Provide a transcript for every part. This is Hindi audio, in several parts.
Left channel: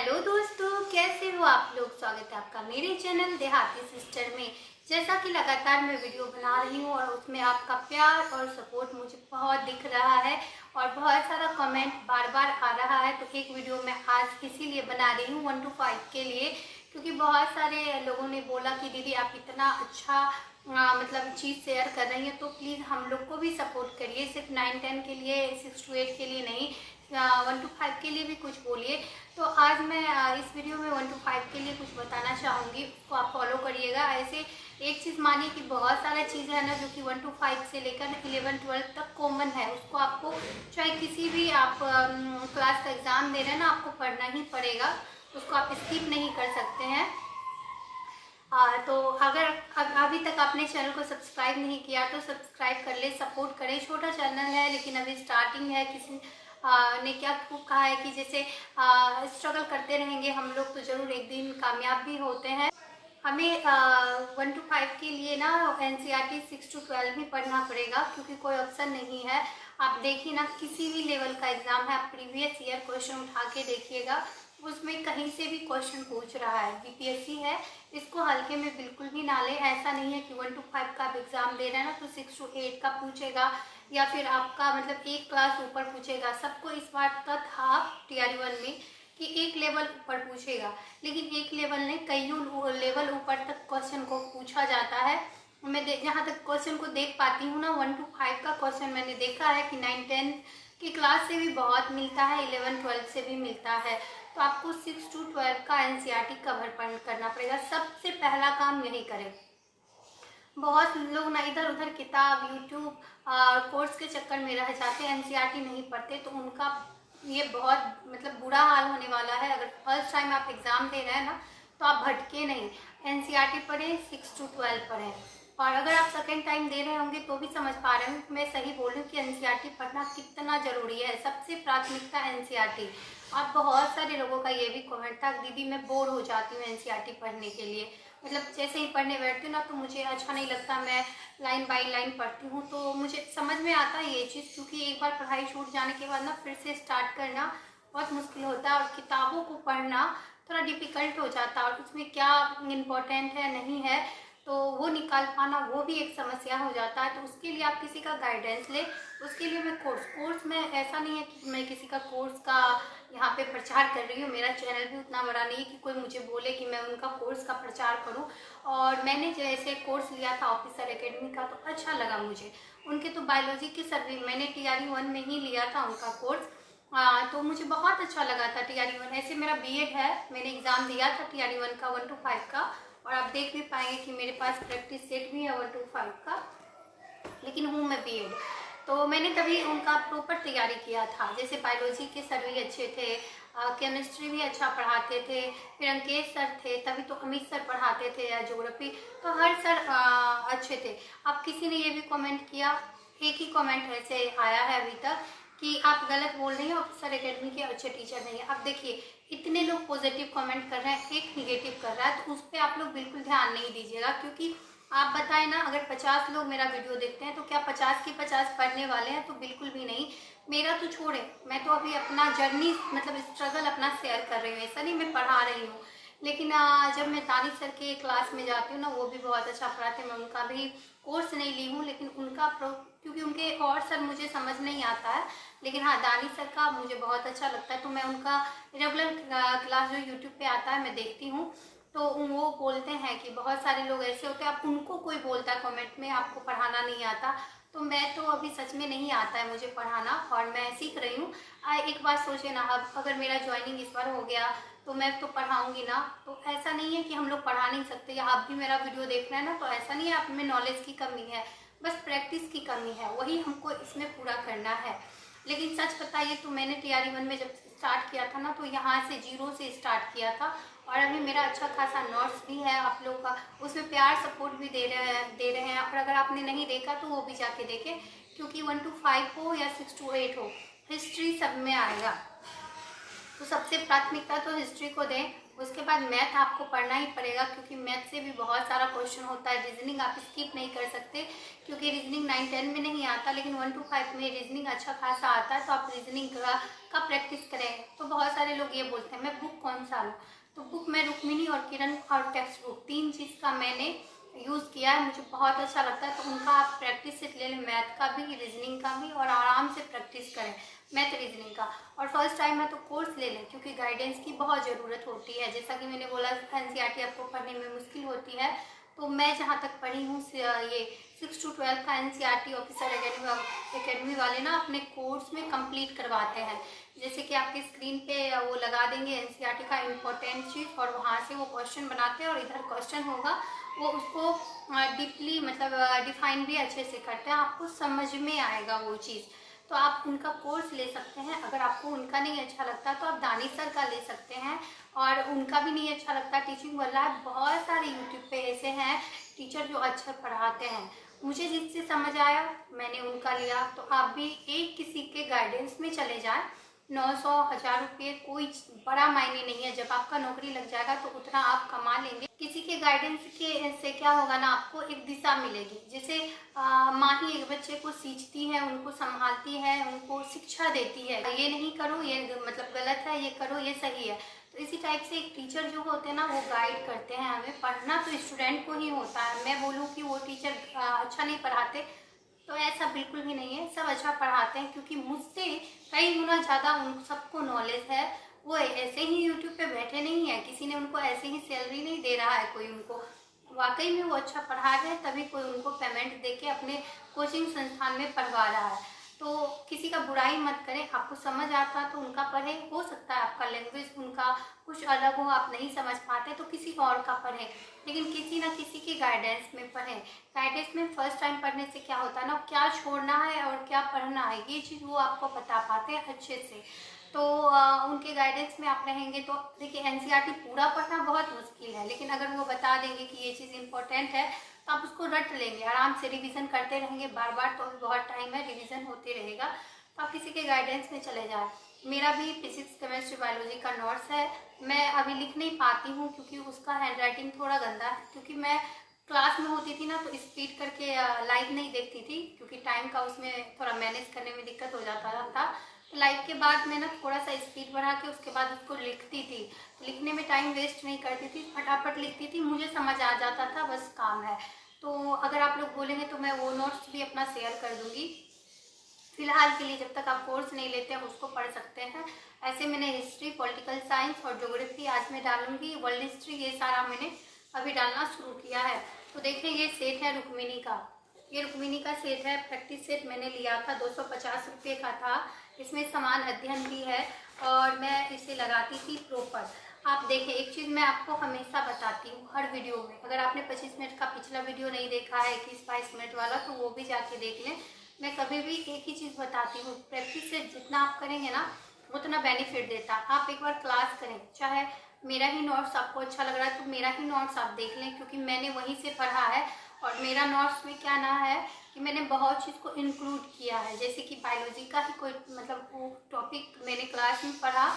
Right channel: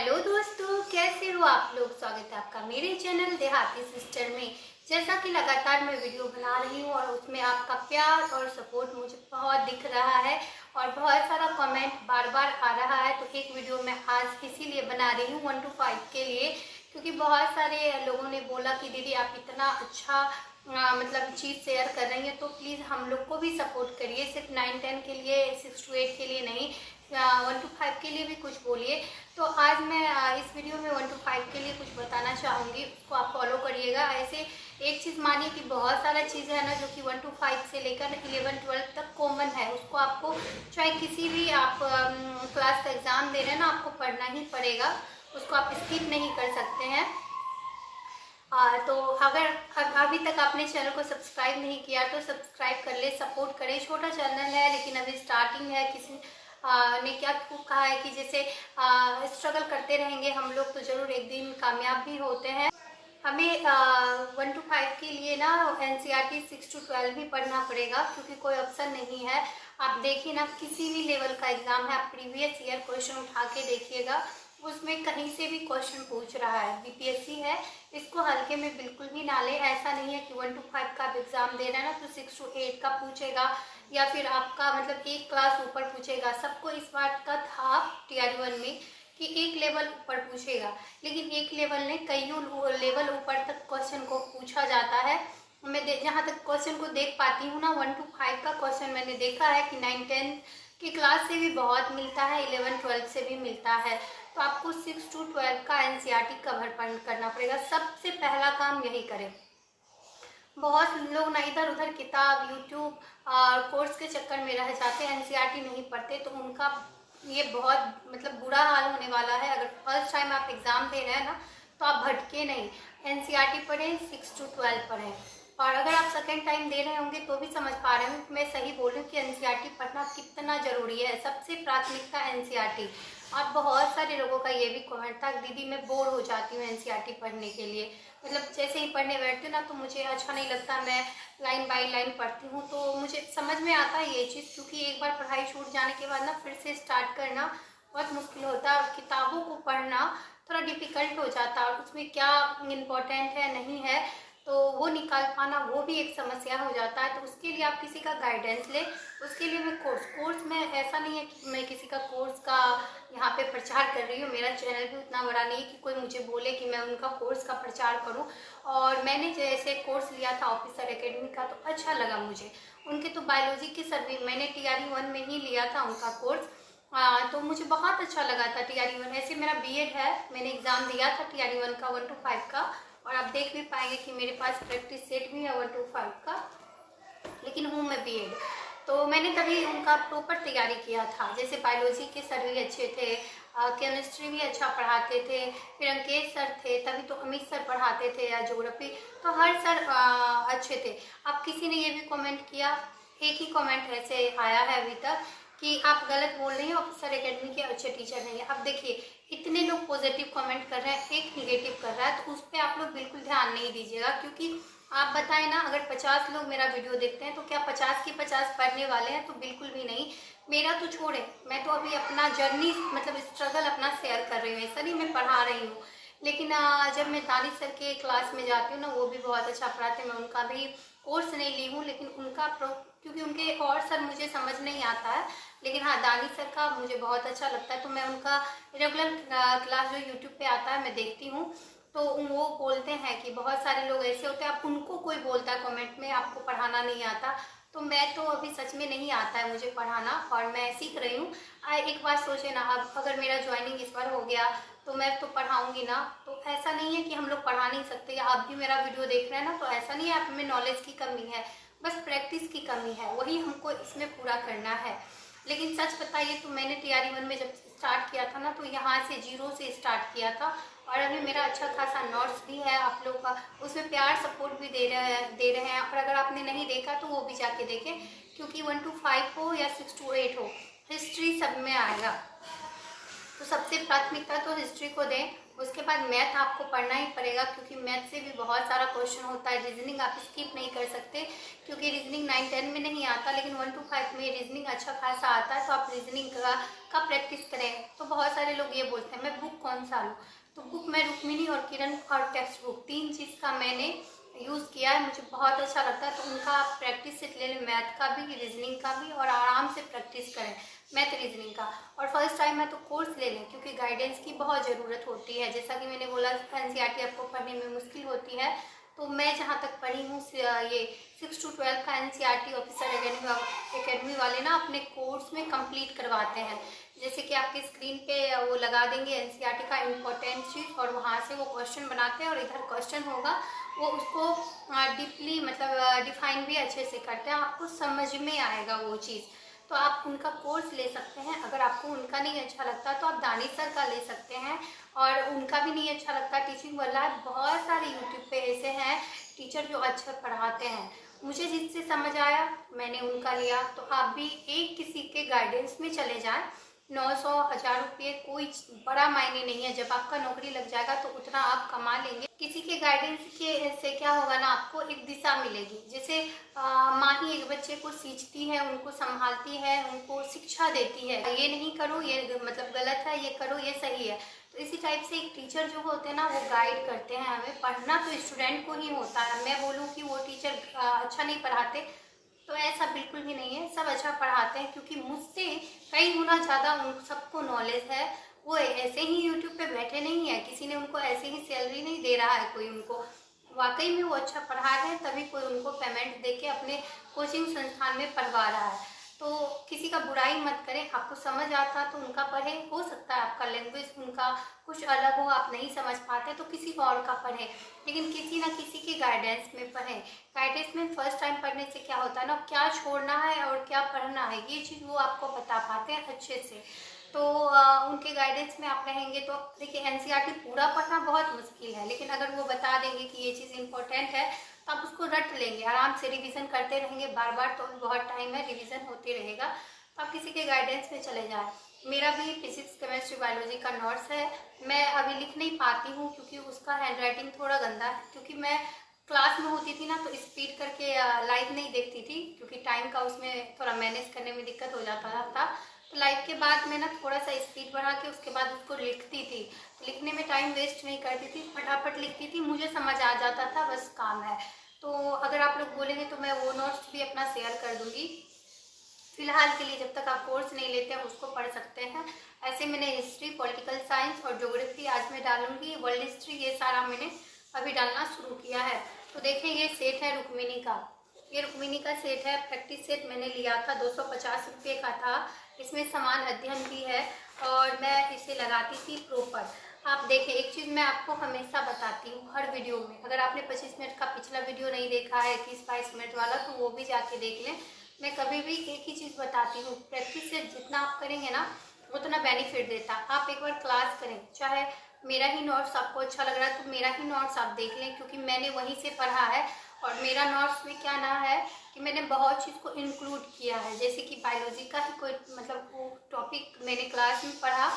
हेलो दोस्तों, कैसे हो आप लोग। स्वागत है आपका मेरे चैनल देहाती सिस्टर में। जैसा कि लगातार मैं वीडियो बना रही हूँ और उसमें आपका प्यार और सपोर्ट मुझे बहुत दिख रहा है और बहुत सारा कमेंट बार बार आ रहा है। तो एक वीडियो मैं आज इसीलिए बना रही हूँ 1 to 5 के लिए, क्योंकि बहुत सारे लोगों ने बोला कि दीदी आप इतना अच्छा मतलब चीज़ शेयर कर रही हैं, तो प्लीज़ हम लोग को भी सपोर्ट करिए। सिर्फ 9-10 के लिए, 6 to 8 के लिए नहीं, 1 to 5 के लिए भी कुछ बोलिए। तो आज मैं इस वीडियो में 1 to 5 के लिए कुछ बताना चाहूँगी, उसको आप फॉलो करिएगा। ऐसे एक चीज़ मानिए कि बहुत सारा चीज़ है ना जो कि 1 to 5 से लेकर 11-12 तक कॉमन है। उसको आपको चाहे किसी भी आप क्लास का एग्ज़ाम दे रहे हैं ना, आपको पढ़ना ही पड़ेगा, उसको आप स्किप नहीं कर सकते हैं। तो अगर अभी तक आपने चैनल को सब्सक्राइब नहीं किया तो सब्सक्राइब कर ले, सपोर्ट करें। छोटा चैनल है लेकिन अभी स्टार्टिंग है। किसी ने क्या खूब कहा है कि जैसे स्ट्रगल करते रहेंगे हम लोग तो ज़रूर एक दिन कामयाब भी होते हैं। हमें 1 to 5 के लिए ना NCERT 6 to 12 ही पढ़ना पड़ेगा, क्योंकि कोई ऑप्शन नहीं है। आप देखिए ना, किसी भी लेवल का एग्ज़ाम है, आप प्रीवियस ईयर क्वेश्चन उठा के देखिएगा, उसमें कहीं से भी क्वेश्चन पूछ रहा है। BPSC है, इसको हल्के में बिल्कुल भी ना ले। ऐसा नहीं है कि 1 to 5 का आप एग्ज़ाम दे रहे हैं ना तो 6 to 8 का पूछेगा या फिर आपका मतलब एक क्लास ऊपर पूछेगा। सबको इस बात का था TR1 में कि एक लेवल ऊपर पूछेगा, लेकिन एक लेवल ने कईयों लेवल ऊपर तक क्वेश्चन को पूछा जाता है। मैं जहाँ तक क्वेश्चन को देख पाती हूँ ना, 1 to 5 का क्वेश्चन मैंने देखा है कि 9-10 की क्लास से भी बहुत मिलता है, 11-12 से भी मिलता है। तो आपको 6 to 12 का NCERT कवर करना पड़ेगा। सबसे पहला काम यही करें। बहुत लोग ना इधर उधर किताब, यूट्यूब और कोर्स के चक्कर में रह जाते हैं, NCERT नहीं पढ़ते, तो उनका ये बहुत मतलब बुरा हाल होने वाला है। अगर फर्स्ट टाइम आप एग्ज़ाम दे रहे हैं ना तो आप भटके नहीं, NCERT पढ़ें, 6 to 12 पढ़ें। और अगर आप सेकेंड टाइम दे रहे होंगे तो भी समझ पा रहे होंगे कि मैं सही बोल रही हूँ कि NCERT पढ़ना कितना ज़रूरी है। सबसे प्राथमिकता NCERT। और बहुत सारे लोगों का ये भी कमेंट था, दीदी मैं बोर हो जाती हूँ NCERT पढ़ने के लिए। मतलब जैसे ही पढ़ने बैठती हूँ ना तो मुझे अच्छा नहीं लगता, मैं लाइन बाय लाइन पढ़ती हूँ तो मुझे समझ में आता है ये चीज़, क्योंकि एक बार पढ़ाई छूट जाने के बाद ना फिर से स्टार्ट करना बहुत मुश्किल होता है। और किताबों को पढ़ना थोड़ा डिफ़िकल्ट हो जाता है, और उसमें क्या इम्पोर्टेंट है नहीं है तो वो निकाल पाना वो भी एक समस्या हो जाता है। तो उसके लिए आप किसी का गाइडेंस लें। उसके लिए मैं कोर्स में, ऐसा नहीं है कि मैं किसी का कोर्स का यहाँ पे प्रचार कर रही हूँ। मेरा चैनल भी उतना बड़ा नहीं है कि कोई मुझे बोले कि मैं उनका कोर्स का प्रचार करूँ। और मैंने जैसे कोर्स लिया था ऑफिसर एकेडमी का तो अच्छा लगा मुझे। उनके तो बायोलॉजी के सर्वे मैंने TRE1 में ही लिया था उनका कोर्स। तो मुझे बहुत अच्छा लगा था TRE1। ऐसे मेरा BEd है, मैंने एग्ज़ाम दिया था TRE1 का 1 to 5 का, और आप देख भी पाएंगे कि मेरे पास प्रैक्टिस सेट भी है 1 to 5 का, लेकिन हूँ मैं BEd। तो मैंने तभी उनका प्रॉपर तैयारी किया था। जैसे बायोलॉजी के सर भी अच्छे थे, केमिस्ट्री भी अच्छा पढ़ाते थे, फिर अंकेश सर थे, तभी तो अमित सर पढ़ाते थे, या ज्योग्राफी, तो हर सर अच्छे थे। अब किसी ने ये भी कमेंट किया, एक ही कमेंट ऐसे आया है अभी तक कि आप गलत बोल रही हैं, ऑफिसर एकेडमी के अच्छे टीचर नहीं है। अब देखिए, इतने लोग पॉजिटिव कमेंट कर रहे हैं, एक निगेटिव कर रहा है, तो उस पर आप लोग बिल्कुल ध्यान नहीं दीजिएगा। क्योंकि आप बताएं ना, अगर 50 लोग मेरा वीडियो देखते हैं तो क्या 50 के 50 पढ़ने वाले हैं? तो बिल्कुल भी नहीं। मेरा तो छोड़े, मैं तो अभी अपना जर्नी मतलब स्ट्रगल अपना शेयर कर रही हूँ, ऐसा नहीं मैं पढ़ा रही हूँ। लेकिन जब मैं दानिश सर के क्लास में जाती हूँ ना, वो भी बहुत अच्छा पढ़ाते हैं। मैं उनका भी कोर्स नहीं ली हूँ, लेकिन उनका क्योंकि उनके और सर मुझे समझ नहीं आता है, लेकिन हाँ दानिश सर का मुझे बहुत अच्छा लगता है। तो मैं उनका रेगुलर क्लास जो यूट्यूब पे आता है मैं देखती हूँ। तो वो बोलते हैं कि बहुत सारे लोग ऐसे होते हैं, अब उनको कोई बोलता है कमेंट में आपको पढ़ाना नहीं आता, तो मैं तो अभी सच में नहीं आता है मुझे पढ़ाना, और मैं सीख रही हूँ। एक बात सोचे ना, अब अगर मेरा ज्वाइनिंग इस बार हो गया तो मैं तो पढ़ाऊँगी ना। तो ऐसा नहीं है कि हम लोग पढ़ा नहीं सकते, या आप भी मेरा वीडियो देख रहे हैं ना, तो ऐसा नहीं है आप में नॉलेज की कमी है, बस प्रैक्टिस की कमी है, वही हमको इसमें पूरा करना है। लेकिन सच बताइए तो मैंने TRE1 में जब स्टार्ट किया था ना, तो यहाँ से 0 से स्टार्ट किया था, और अभी मेरा अच्छा खासा नोट्स भी है आप लोग का, उसमें प्यार सपोर्ट भी दे रहे हैं। और अगर आपने नहीं देखा तो वो भी जाके देखें, क्योंकि 1 to 5 हो या 6 to 8 हो, हिस्ट्री सब में आएगा। तो सबसे प्राथमिकता तो हिस्ट्री को दें। उसके बाद मैथ आपको पढ़ना ही पड़ेगा, क्योंकि मैथ से भी बहुत सारा क्वेश्चन होता है। रीजनिंग आप स्किप नहीं कर सकते, क्योंकि रीजनिंग 9-10 में नहीं आता, लेकिन 1-5 में रीजनिंग अच्छा खासा आता है। तो आप रीजनिंग का प्रैक्टिस करें। तो बहुत सारे लोग ये बोलते हैं मैं बुक कौन सा लूँ, तो बुक मैं रुक्मिणी और किरण और टेक्स्ट बुक 3 चीज़ का मैंने यूज़ किया है, मुझे बहुत अच्छा लगता है। तो उनका आप प्रैक्टिस सेट ले लें, मैथ का भी रीजनिंग का भी, और आराम से प्रैक्टिस करें मैथ रीजनिंग का। और फर्स्ट टाइम है तो कोर्स ले लें, क्योंकि गाइडेंस की बहुत ज़रूरत होती है। जैसा कि मैंने बोला एनसीईआरटी आपको पढ़ने में मुश्किल होती है, तो मैं जहाँ तक पढ़ी हूँ ये 6 to 12 का एनसीईआरटी ऑफिसर एकेडमी वाले ना अपने कोर्स में कंप्लीट करवाते हैं। जैसे कि आपके स्क्रीन पे वो लगा देंगे एनसीईआरटी का इम्पोर्टेंट चीज़, और वहाँ से वो क्वेश्चन बनाते हैं, और इधर क्वेश्चन होगा वो उसको डीपली मतलब डिफाइन भी अच्छे से करते हैं, आपको समझ में आएगा वो चीज़। तो आप उनका कोर्स ले सकते हैं। अगर आपको उनका नहीं अच्छा लगता तो आप दानिश सर का ले सकते हैं, और उनका भी नहीं अच्छा लगता टीचिंग वाला, बहुत सारे यूट्यूब पे ऐसे हैं टीचर जो अच्छा पढ़ाते हैं। मुझे जिससे समझ आया मैंने उनका लिया। तो आप भी एक किसी के गाइडेंस में चले जाएं। 900-1000 रुपये कोई बड़ा मायने नहीं है। जब आपका नौकरी लग जाएगा तो उतना आप कमा लेंगे। किसी के गाइडेंस के से क्या होगा ना, आपको एक दिशा मिलेगी। जैसे माँ ही एक बच्चे को सींचती है, उनको संभालती है, उनको शिक्षा देती है, ये नहीं करो, ये मतलब गलत है, ये करो, ये सही है। तो इसी टाइप से एक टीचर जो होते हैं ना, वो गाइड करते हैं हमें। पढ़ना तो स्टूडेंट को ही होता है। मैं बोलूँ कि वो टीचर अच्छा नहीं पढ़ाते, तो ऐसा बिल्कुल भी नहीं है, सब अच्छा पढ़ाते हैं। क्योंकि मुझसे कई गुना ज़्यादा उन सबको नॉलेज है। वो ऐसे ही यूट्यूब पे बैठे नहीं है, किसी ने उनको ऐसे ही सैलरी नहीं दे रहा है कोई उनको। वाकई में वो अच्छा पढ़ा रहे हैं, तभी कोई उनको पेमेंट दे के अपने कोचिंग संस्थान में पढ़वा रहा है। तो किसी का बुराई मत करें। आपको समझ आता तो उनका पढ़ें। हो सकता है आपका लैंग्वेज उनका कुछ अलग हो, आप नहीं समझ पाते, तो किसी और का पढ़ें, लेकिन किसी ना किसी के गाइडेंस में पढ़ें। गाइडेंस में फर्स्ट टाइम पढ़ने से क्या होता है ना, क्या छोड़ना है और क्या पढ़ना है, ये चीज़ वो आपको बता पाते हैं अच्छे से। तो उनके गाइडेंस में आप रहेंगे तो देखिए एनसीईआरटी पूरा पढ़ना बहुत मुश्किल है, लेकिन अगर वो बता देंगे कि ये चीज़ इंपॉर्टेंट है तो आप उसको रट लेंगे, आराम से रिवीजन करते रहेंगे बार बार। तो बहुत टाइम है, रिवीजन होते रहेगा। तो आप किसी के गाइडेंस में चले जाएं। मेरा भी फिजिक्स केमिस्ट्री बायोलॉजी का नोट्स है। मैं अभी लिख नहीं पाती हूँ, क्योंकि उसका हैंडराइटिंग थोड़ा गंदा है। क्योंकि मैं क्लास में होती थी ना, तो स्पीड करके लाइव नहीं देखती थी, क्योंकि टाइम का उसमें थोड़ा मैनेज करने में दिक्कत हो जाता था। तो लाइव के बाद मैं ना थोड़ा सा स्पीड बढ़ा के उसके बाद उसको लिखती थी। तो लिखने में टाइम वेस्ट नहीं करती थी, फटाफट लिखती थी, मुझे समझ आ जाता था, बस काम है। तो अगर आप लोग बोलेंगे तो मैं वो नोट्स भी अपना शेयर कर दूंगी। फिलहाल के लिए जब तक आप कोर्स नहीं लेते हैं उसको पढ़ सकते हैं। ऐसे मैंने हिस्ट्री, पॉलिटिकल साइंस और ज्योग्राफी आज मैं डालूंगी, वर्ल्ड हिस्ट्री, ये सारा मैंने अभी डालना शुरू किया है। तो देखें ये सेट है रुक्मिणी का, ये रुक्मिणी का सेट है। प्रैक्टिस सेट मैंने लिया था, 250 रुपये का था। इसमें समान अध्ययन भी है, और मैं इसे लगाती थी प्रॉपर। आप देखें, एक चीज़ मैं आपको हमेशा बताती हूँ हर वीडियो में। अगर आपने 25 मिनट का पिछला वीडियो नहीं देखा है, 21-22 मिनट वाला, तो वो भी जाके देख लें। मैं कभी भी एक ही चीज़ बताती हूँ, प्रैक्टिस से जितना आप करेंगे ना उतना बेनिफिट देता है। आप एक बार क्लास करें, चाहे मेरा ही नोट्स आपको अच्छा लग रहा है तो मेरा ही नोट्स आप देख लें, क्योंकि मैंने वहीं से पढ़ा है। और मेरा नोट्स में क्या ना है कि मैंने बहुत चीज़ को इंक्लूड किया है। जैसे कि बायोलॉजी का ही कोई मतलब वो टॉपिक मैंने क्लास में पढ़ा,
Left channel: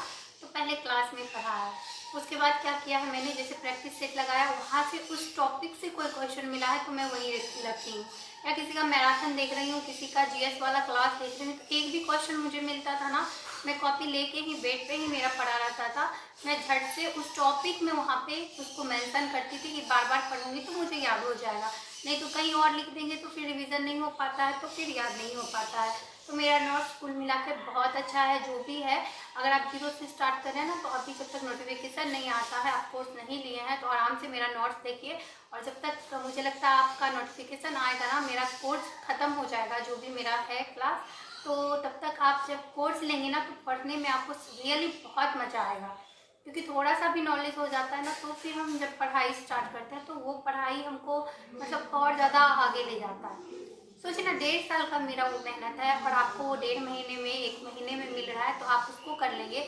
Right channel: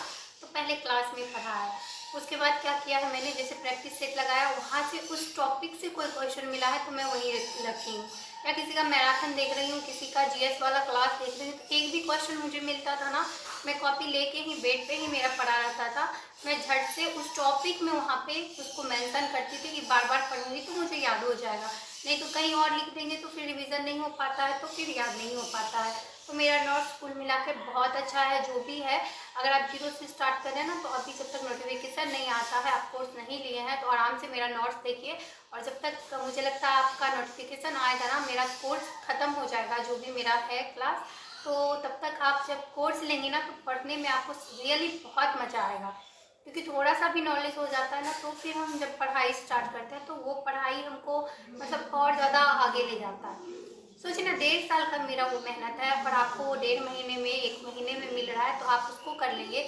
तो पहले क्लास में पढ़ा है। उसके बाद क्या किया है मैंने, जैसे प्रैक्टिस सेट लगाया, वहाँ से उस टॉपिक से कोई क्वेश्चन मिला है तो मैं वहीं रखी हूँ। या किसी का मैराथन देख रही हूँ, किसी का जीएस वाला क्लास देख रही हूँ, तो एक भी क्वेश्चन मुझे मिलता था ना, मैं कॉपी लेके ही बेड पे ही मेरा पढ़ा रहता था। मैं झट से उस टॉपिक में वहाँ पे उसको मेंशन करती थी कि बार बार पढ़ूंगी तो मुझे याद हो जाएगा। नहीं तो कहीं और लिख देंगे तो फिर रिवीजन नहीं हो पाता है, तो फिर याद नहीं हो पाता है। तो मेरा नोट्स कुल मिला के बहुत अच्छा है जो भी है। अगर आप 0 से स्टार्ट कर रहे हैं ना, तो अभी जब तक नोटिफिकेशन नहीं आता है, आप कोर्स नहीं लिए हैं, तो आराम से मेरा नोट्स देखिए। और जब तक मुझे लगता है आपका नोटिफिकेशन आएगा ना, मेरा कोर्स ख़त्म हो जाएगा जो भी मेरा है क्लास, तो तब तक आप जब कोर्स लेंगे ना, तो पढ़ने में आपको रियली बहुत मज़ा आएगा। क्योंकि थोड़ा सा भी नॉलेज हो जाता है ना, तो फिर हम जब पढ़ाई स्टार्ट करते हैं तो वो पढ़ाई हमको मतलब और ज़्यादा आगे ले जाता है। सोचिए ना, 1.5 साल का मेरा वो मेहनत है, और आपको वो 1.5 महीने में 1 महीने में मिल रहा है, तो आप उसको कर लेंगे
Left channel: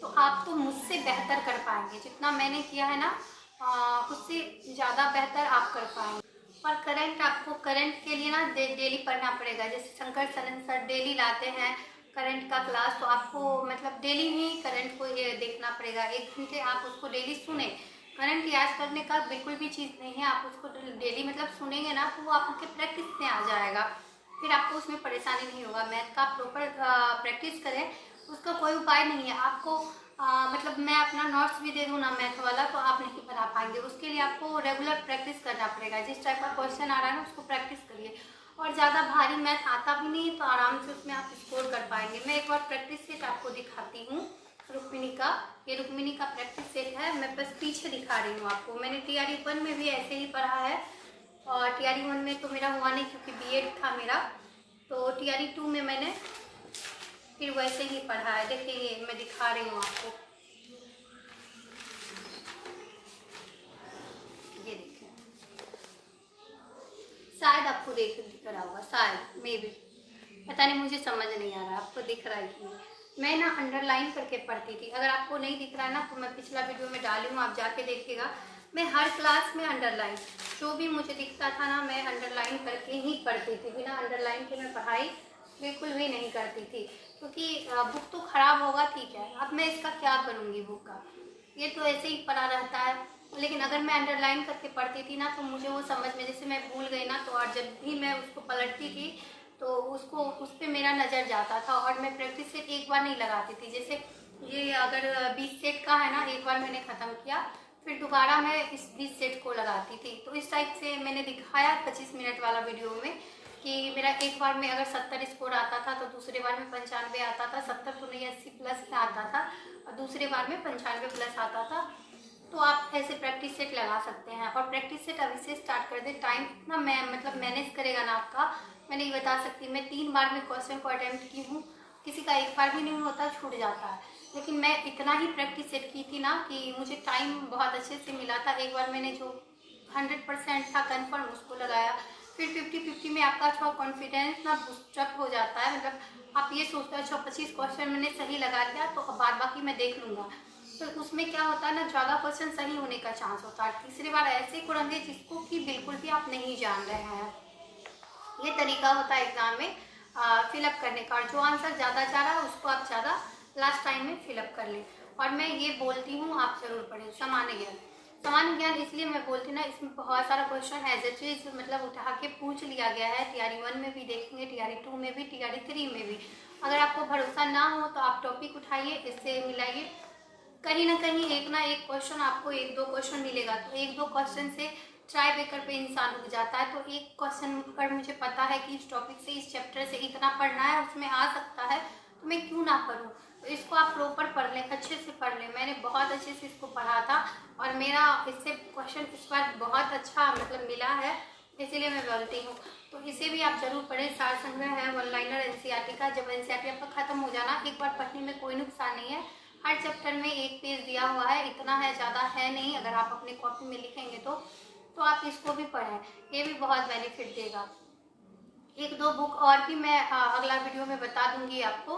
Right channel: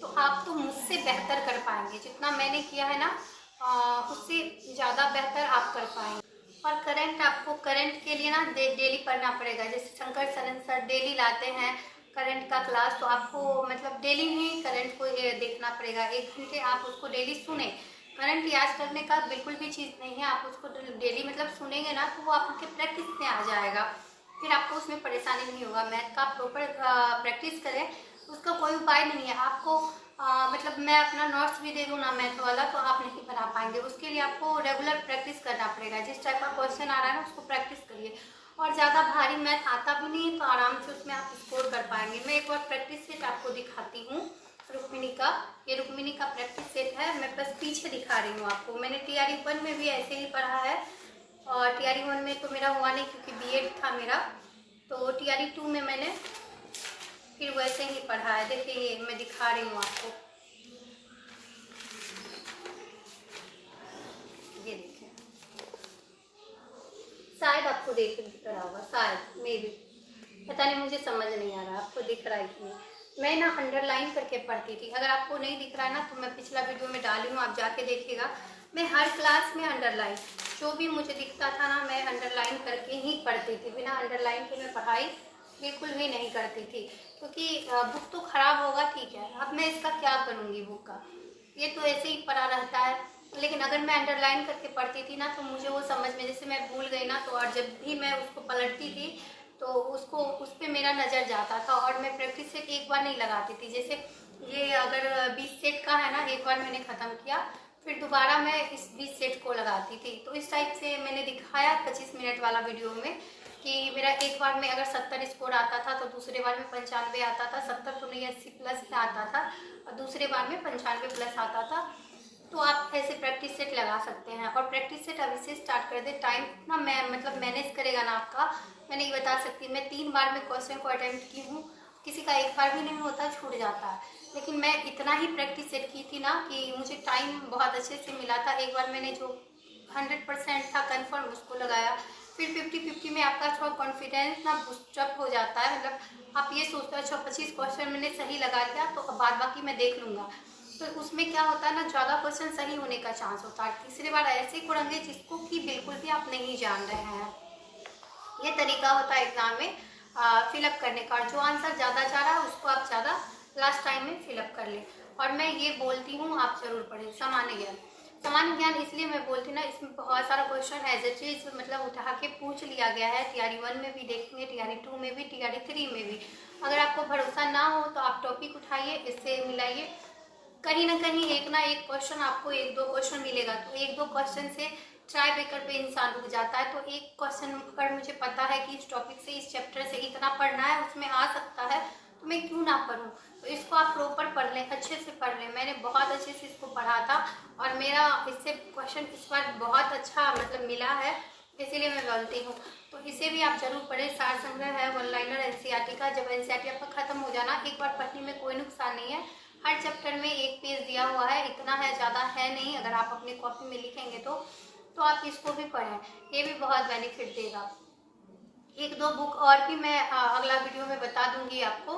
तो आप तो मुझसे बेहतर कर पाएंगे। जितना मैंने किया है ना, उससे ज़्यादा बेहतर आप कर पाएंगे। और करंट, आपको करंट के लिए ना डेली पढ़ना पड़ेगा। जैसे शंकर सरन सर डेली लाते हैं, करंट का क्लास, तो आपको मतलब डेली ही करंट को ये देखना पड़ेगा। 1 घंटे आप उसको डेली सुने। करंट याद करने का बिल्कुल भी चीज़ नहीं है, आप उसको डेली मतलब सुनेंगे ना तो वो आपके प्रैक्टिस में आ जाएगा, फिर आपको उसमें परेशानी नहीं होगा। मैथ का प्रॉपर प्रैक्टिस करें, उसका कोई उपाय नहीं है। आपको मतलब मैं अपना नोट्स भी दे दूँ ना मैथ वाला तो आप नहीं बना पाएंगे। उसके लिए आपको रेगुलर प्रैक्टिस करना पड़ेगा। जिस टाइप का क्वेश्चन आ रहा है ना उसको प्रैक्टिस करिए। और ज़्यादा भारी मैथ आता भी नहीं तो आराम से उसमें आप स्कोर कर पाएंगे। मैं एक बार प्रैक्टिस सेट आपको दिखाती हूँ रुक्मिणी का। ये रुक्मिणी का प्रैक्टिस सेट है, मैं बस पीछे दिखा रही हूँ आपको। मैंने TRE 1 में भी ऐसे ही पढ़ा है, और TRE 1 में तो मेरा हुआ नहीं क्योंकि BEd था मेरा, तो TRE 2 में मैंने फिर वैसे ही पढ़ा है। देखिए ये मैं दिखा रही हूँ आपको, ये देखिए, शायद आपको देख रहा होगा, शायद मे भी, पता नहीं, मुझे समझ नहीं आ रहा आपको दिख रहा है कि नहीं। मैं ना अंडरलाइन करके पढ़ती थी। अगर आपको नहीं दिख रहा है ना तो मैं पिछला वीडियो में डाली हूँ, आप जाके देखिएगा। मैं हर क्लास में अंडरलाइन, जो भी मुझे दिखता था ना मैं अंडरलाइन करके ही पढ़ती थी। बिना अंडरलाइन के मैं पढ़ाई बिल्कुल भी नहीं करती थी, क्योंकि बुक तो ख़राब होगा ठीक है, अब मैं इसका क्या करूँगी बुक का, ये तो ऐसे ही पढ़ा रहता है। लेकिन अगर मैं अंडरलाइन करके पढ़ती थी ना तो मुझे वो समझ में, जैसे मैं भूल गई ना तो, और जब भी मैं उसको पलटती थी तो उसको उस पर मेरा नज़र जाता था, और मैं प्रैक्टिस सेट एक बार नहीं लगाती थी। जैसे ये अगर 20 सेट का है ना, एक बार मैंने ख़त्म किया फिर दोबारा मैं इस 20 सेट को लगाती थी। तो इस टाइप से मैंने दिखाया 25 मिनट वाला वीडियो में कि मेरा एक बार में अगर 70 स्कोर आता था तो दूसरे बार में 95 आता था, 70 तो नहीं 80 प्लस में आता था, और दूसरे बार में 95 प्लस आता था। तो आप ऐसे प्रैक्टिस सेट लगा सकते हैं, और प्रैक्टिस सेट अभी से स्टार्ट कर दे। टाइम ना मैं मतलब मैनेज करेगा ना आपका, मैं नहीं बता सकती। मैं 3 बार में क्वेश्चन को अटेम्प्ट की हूँ, किसी का एक बार भी नहीं होता, छूट जाता है। लेकिन मैं इतना ही प्रैक्टिस सेट की थी ना कि मुझे टाइम बहुत अच्छे से मिला था। एक बार मैंने जो 100% था कन्फर्म उसको लगाया, फिर 50-50 में आपका थोड़ा कॉन्फिडेंस ना बूस्टअप हो जाता है। मतलब आप ये सोचते हो अच्छा 25 क्वेश्चन मैंने सही लगा लिया तो अब बाद बाकी मैं देख लूँगा, तो उसमें क्या होता है ना, ज़्यादा क्वेश्चन सही होने का चांस होता है। तीसरी बार ऐसे कुरेंगे जिसको कि बिल्कुल भी आप नहीं जान रहे हैं। ये तरीका होता है एग्ज़ाम में फिलअप करने का, और जो आंसर ज़्यादा जा रहा है उसको आप ज़्यादा लास्ट टाइम में फिलअप कर लें। और मैं ये बोलती हूँ आप ज़रूर पढ़ें सामान्य ज्ञान। सामान्य ज्ञान इसलिए मैं बोलती हूँ ना, इसमें बहुत सारा क्वेश्चन एज ए चीज़ मतलब उठा के पूछ लिया गया है। TRE 1 में भी देखेंगे, TRE 2 में भी, TRE 3 में भी। अगर आपको भरोसा ना हो तो आप टॉपिक उठाइए, इससे मिलाइए, कहीं ना एक क्वेश्चन आपको 1-2 क्वेश्चन मिलेगा, तो 1-2 क्वेश्चन से ट्राई बेकर पे इंसान रुक जाता है। तो एक क्वेश्चन अगर मुझे पता है कि इस टॉपिक से, इस चैप्टर से इतना पढ़ना है, उसमें आ सकता है, तो मैं क्यों ना पढूं। तो इसको आप प्रॉपर पढ़ लें, अच्छे से पढ़ लें। मैंने बहुत अच्छे से इसको पढ़ा था और मेरा इससे क्वेश्चन इस बार बहुत अच्छा मतलब मिला है, इसीलिए मैं बोलती हूँ। तो इसे भी आप जरूर पढ़ें। सार संग्रह है वन लाइनर NCERT का। जब NCERT आपका खत्म हो जाना, एक बार पढ़ने में कोई नुकसान नहीं है। हर चैप्टर में 1 पेज दिया हुआ है, इतना है, ज़्यादा है नहीं। अगर आप अपने कॉपी में लिखेंगे तो आप इसको भी पढ़ें, ये भी बहुत बेनिफिट देगा। 1-2 बुक और भी मैं अगला वीडियो में बता दूंगी आपको,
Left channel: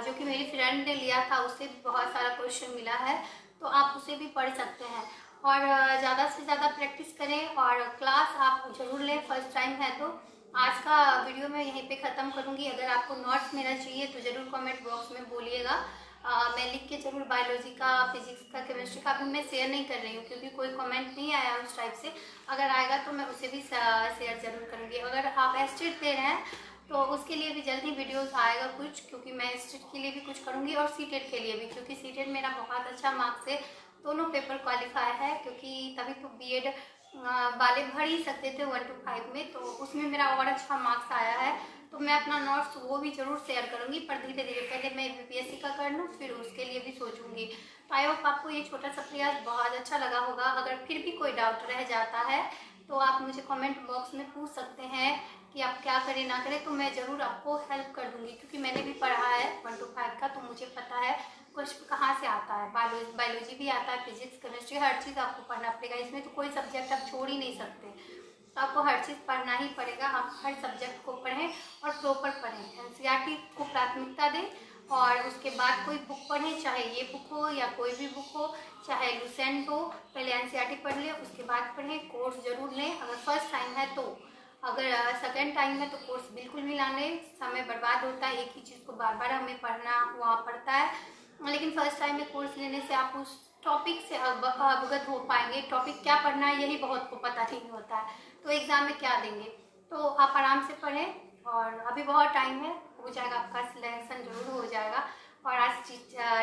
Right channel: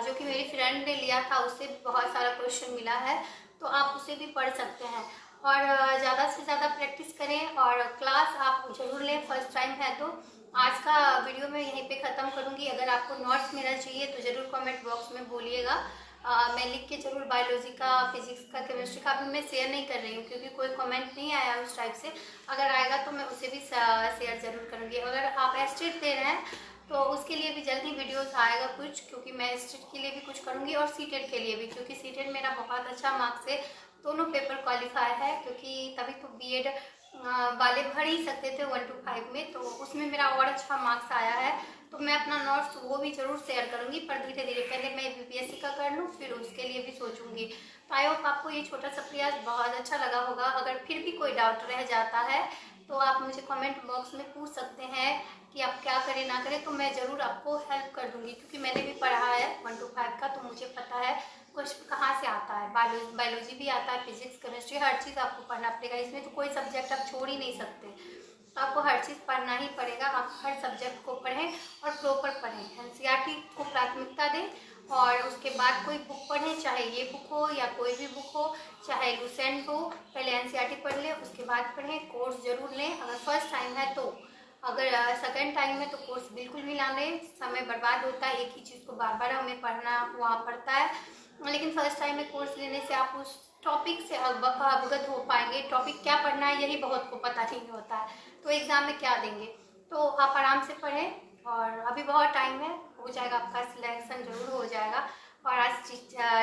जो कि मेरी फ्रेंड ने लिया था, उससे भी बहुत सारा क्वेश्चन मिला है, तो आप उसे भी पढ़ सकते हैं। और ज़्यादा से ज़्यादा प्रैक्टिस करें और क्लास आप जरूर लें, फर्स्ट टाइम है तो। आज का वीडियो मैं यहीं पे ख़त्म करूँगी। अगर आपको नोट्स मेरा चाहिए तो ज़रूर कमेंट बॉक्स में बोलिएगा, मैं लिख के जरूर बायोलॉजी का, फिजिक्स का, केमिस्ट्री का अभी मैं शेयर नहीं कर रही हूँ क्योंकि कोई कमेंट नहीं आया उस टाइप से। अगर आएगा तो मैं उसे भी शेयर जरूर करूँगी। अगर आप एस्टेट दे रहे हैं तो उसके लिए भी जल्दी वीडियोस आएगा कुछ, क्योंकि मैं एस्टेट के लिए भी कुछ करूँगी और सीटेट के लिए भी, क्योंकि सीटेट मेरा बहुत अच्छा मार्क्स है, दोनों पेपर क्वालिफाई है, क्योंकि तभी तो BEd वाले भर ही सकते थे 1 to 5 में, तो उसमें मेरा और अच्छा मार्क्स आया है। तो मैं अपना नोट्स वो भी जरूर शेयर करूंगी, पर धीरे धीरे, पहले मैं BPSC का कर लूँ फिर उसके लिए भी सोचूंगी। तो आई होप आपको ये छोटा सा प्रयास बहुत अच्छा लगा होगा। अगर फिर भी कोई डाउट रह जाता है तो आप मुझे कमेंट बॉक्स में पूछ सकते हैं कि आप क्या करें ना करें, तो मैं ज़रूर आपको हेल्प कर दूंगी, क्योंकि मैंने भी पढ़ा है 1 to 5 का, तो मुझे पता है क्वेश्चन कहाँ से आता है। बायोलॉजी भी आता है, फिजिक्स, केमिस्ट्री, हर चीज़ आपको पढ़ना पड़ेगा। इसमें तो कोई सब्जेक्ट आप छोड़ ही नहीं सकते, तो आपको हर चीज़ पढ़ना ही पड़ेगा। आप हर सब्जेक्ट को पढ़ें और प्रॉपर पढ़ें। NCERT को प्राथमिकता दें और उसके बाद कोई बुक पढ़ें, चाहे ये बुक हो या कोई भी बुक हो, चाहे लुसेंट हो। पहले NCERT पढ़ लें, उसके बाद पढ़ें, कोर्स जरूर लें अगर फर्स्ट टाइम है तो। अगर सेकंड टाइम है तो कोर्स बिल्कुल भी ना लें, समय बर्बाद होता है, एक ही चीज़ को बार बार हमें पढ़ना वहाँ पड़ता है। लेकिन फर्स्ट टाइम में कोर्स लेने से आप उस टॉपिक से अवगत हो पाएंगे। टॉपिक क्या पढ़ना है यही बहुत को पता नहीं होता है, तो एग्ज़ाम में क्या देंगे। तो आप आराम से पढ़ें और अभी बहुत टाइम है, हो जाएगा, आपका सिलेक्शन ज़रूर हो जाएगा। और आज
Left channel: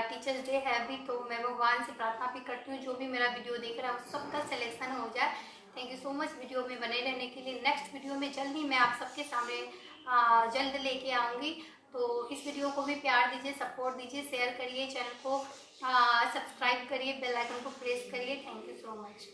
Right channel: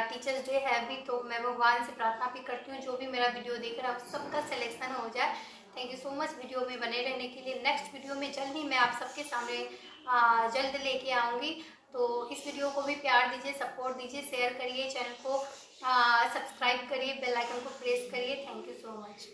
टीचर्स डे है अभी, तो मैं भगवान से प्रार्थना भी करती हूँ जो भी मेरा वीडियो देख रहा है उस सबका सिलेक्शन हो जाए। Thank you so much video में बने रहने के लिए। नेक्स्ट वीडियो में जल्द ही मैं आप सबके सामने जल्द लेके आऊँगी। तो इस वीडियो को भी प्यार दीजिए, सपोर्ट दीजिए, शेयर करिए, चैनल को सब्सक्राइब करिए, बेल आइकन को प्रेस करिए। Thank you so much.